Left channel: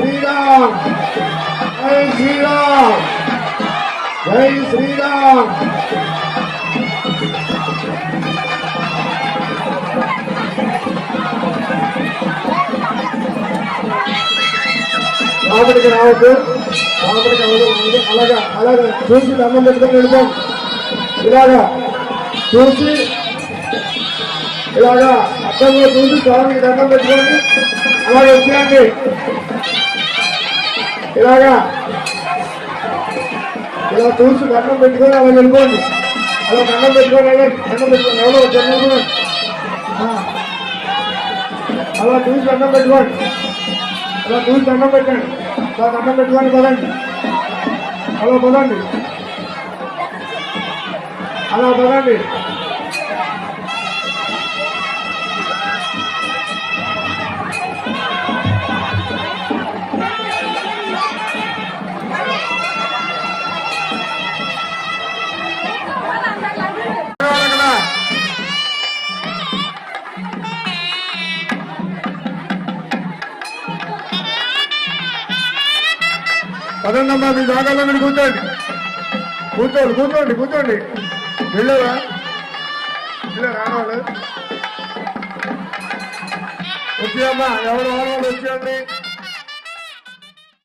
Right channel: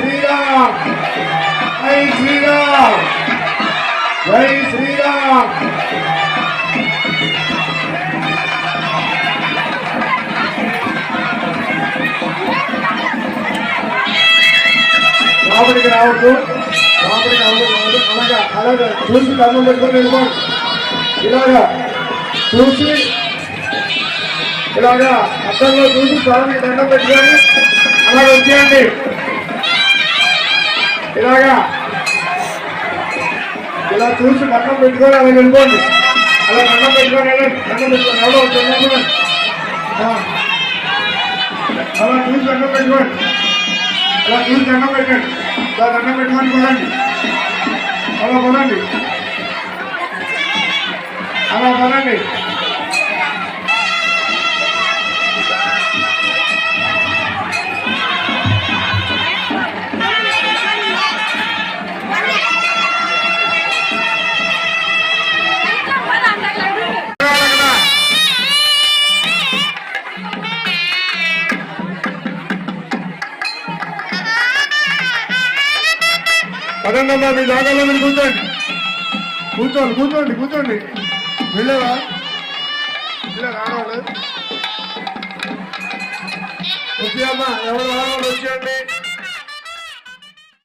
శ్రీరామ్ జై శ్రీరామ్ జై శ్రీరామ్. లోపలికి రావద్దు, లోపలికి రావద్దు. అలాగా చూసి దండం పెట్టుకొని వెళ్ళిపోండి. ఇలాగా చూసి ఇలాగా అర్థంలో చూసి స్వామికి దండం పెట్టుకొని అలాగ వచ్చేయండి. ఇలాగా ఇలా చూసి దండం పెట్టుకొని అలా వెళ్ళిపోండి. అలా దండం పెట్టుకొని వెళ్ళండి. దండం పెట్టుకొని అలా చూసి దండం పెట్టుకోండి. అలా చూసి దండం పెట్టండి. అలా దండం పెట్టుకొని పదండి. అలా పదండి. అలా పదండి. పదండి అమ్మా, మీ జాగాలో మీరు కూర్చోండి. కూర్చోండి. వెళ్ళారా ఆడవాళ్ళు వచ్చేయమ్మా, ఎవరు వచ్చేయండి.